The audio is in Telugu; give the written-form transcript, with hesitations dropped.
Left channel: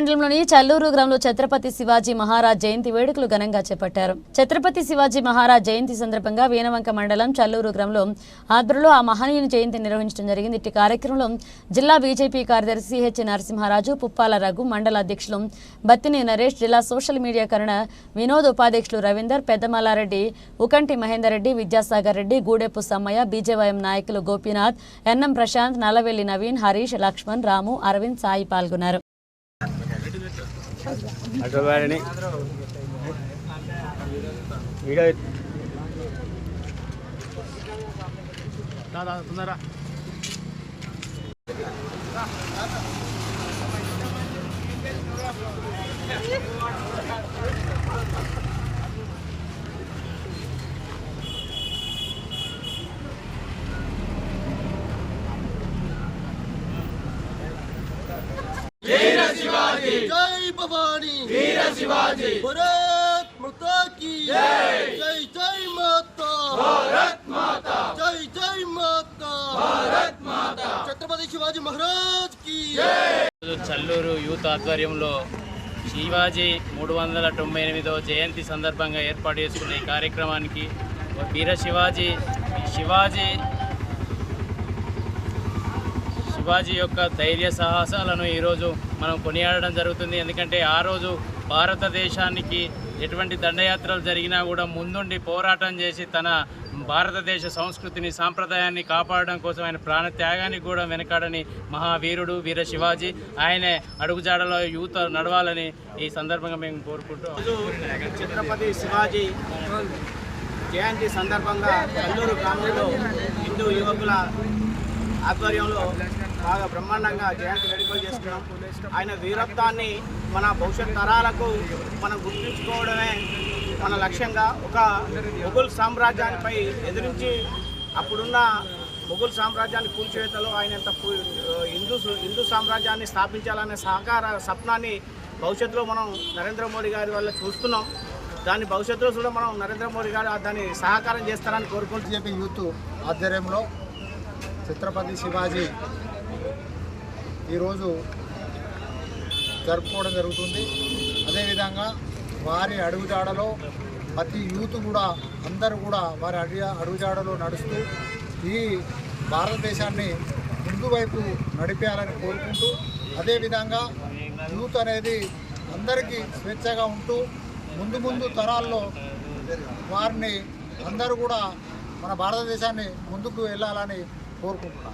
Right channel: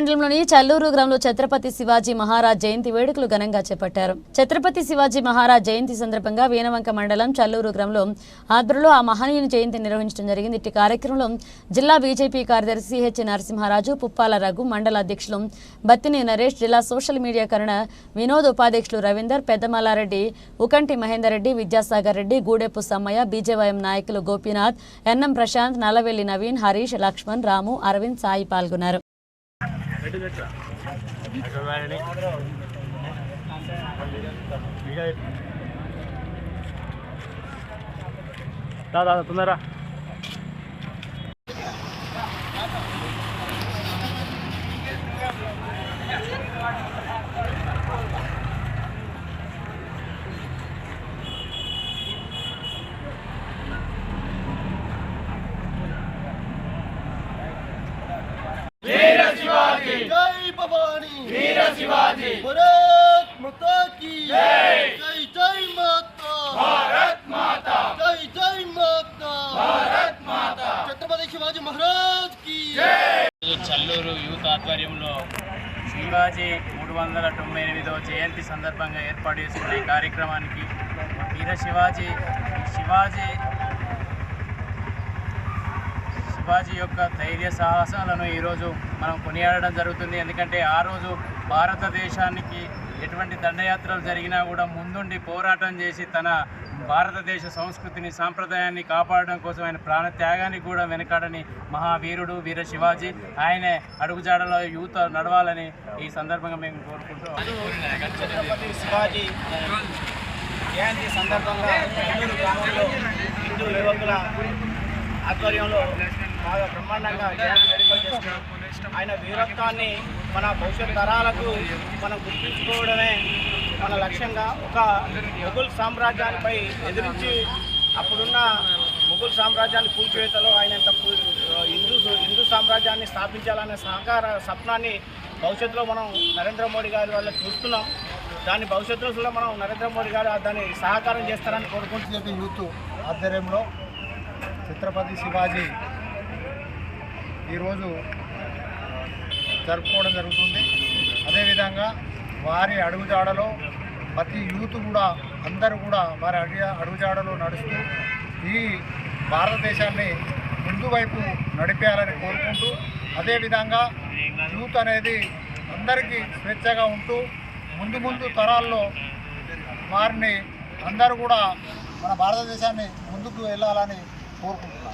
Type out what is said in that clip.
మండలంలోని చల్లూరు గ్రామంలో ఛత్రపతి శివాజీ మహారాజ్ జయంతి వేడుకలు ఘనంగా చేపట్టారు. ఛత్రపతి శివాజీ మహారాజ్ జయంతి సందర్భంగా వీణవంక మండలం చల్లూరు గ్రామంలో ఆధ్వర్యంలో ఆ మహనీయుని జయంతి నిర్వహించడం జరిగింది. ఇట్టి కార్యక్రమంలో జిల్లా బీజేపీ కార్యదర్శి సిహెచ్ నరసింహారాజు, పుప్పాల రఘు, మండల అధ్యక్షులు బత్తిని నరేష్, జిల్లా సోషల్ మీడియా కరణ వినోద్, ఉపాధ్యక్షులు రవీందర్, పెద్దమల్లారెడ్డి, ఉకంటి మహేందర్ రెడ్డి, విద్యాసాగర్ రెడ్డి, గూడెపు సమ్మయ్య, బీజేవైఎం నాయకులు గోపీనాథ్, ఎన్ఎం ప్రశాంత్, నల్లవెల్లి నవీన్, హరీష్, లక్ష్మణ్, రాము, అరవింద్, సాయి పాల్గొన్నారు. जय भवानी वीर शिवाजी भारत माता की जय जय जय माता भारत माता जय जय माता भारत माता छत्रपति शिवाजी महाराज की जय। చల్లూరు యూత్ ఆధ్వర్యంలో శివాజీ 398వ జయంతి సందర్భంగా ఏర్పాటు చేసుకున్న ఈ కార్యక్రమానికి వీర శివాజీ యొక్క ధైర్య సాహసాలను ఈరోజు మనం కొనియాడడం జరుగుతుంది. ఎందుకంటే ఆ రోజు భారతదేశానికి ఎటువంటి దండయాత్రలు జరిగినా కూడా ముందుండి పోరాటం చేసి తన భారతదేశ సంస్కృతిని, సాంప్రదాయాన్ని కాపాడడం కోసం ఆయన ప్రాణత్యాగానికి కూడా వెనకాడని మహావీరుడు వీర శివాజీ. ఆయనే అడుగుజాడలో యూత్ నడవాలని ఈ సందర్భంగా మేము కోరుకుంటూ ఛత్రపతి శివాజీ జయంతి సందర్భంగా చల్లూరు గ్రామంలో హిందూ యువకుల ఆధ్వర్యంలో బాగా బ్రహ్మాండంగా జయంతి వేడుకలు చేస్తున్నాం. ఆయన వీరత్వాన్ని మన భవిష్యత్ తరాలకు మనం గుర్తుంచుకోవడమే మన లక్ష్యంగా. ఒక మొఘల్ సామ్రాజ్యానిపై ఎదిరించి అప్పుడున్న మొఘల్ సామ్రాజ్యాన్ని కూల్చివేతలో ఆయన హిందూ సామ్రాజ్యాన్ని స్థాపించాలనే స్వప్నాన్ని భవిష్యత్తులో మనం నరేంద్ర మోడీ గారి వల్ల చూస్తున్నాం. దాని భవిష్యత్తులో కూడా మనం నరేంద్ర మోడీ గారు దాన్ని సహకారం చేస్తారని కోరుకుంటూ యూత్ ఆధ్వర్యంలో ఛత్రపతి శివాజీ ఈరోజు జరుపుకోవడం జరుగుతుంది. అదేవిధంగా వారి అడుగుజాడలో ప్రతి యూత్ కూడా అందరూ కూడా వారి అడుగుజాడలో నడుస్తూ ఈ భారతదేశాన్ని ముందు వైపు నడిపేయాలని కోరుకుంటూ, అదేవిధంగా యూత్ అనేది అందరికీ స్వేచ్ఛగా ఉంటూ ముందు తరాల్లో వారిని అందరూ కూడా మన భారతదేశాన్ని ముందుకు వెళ్ళాలని కోరుకుంటున్నాను.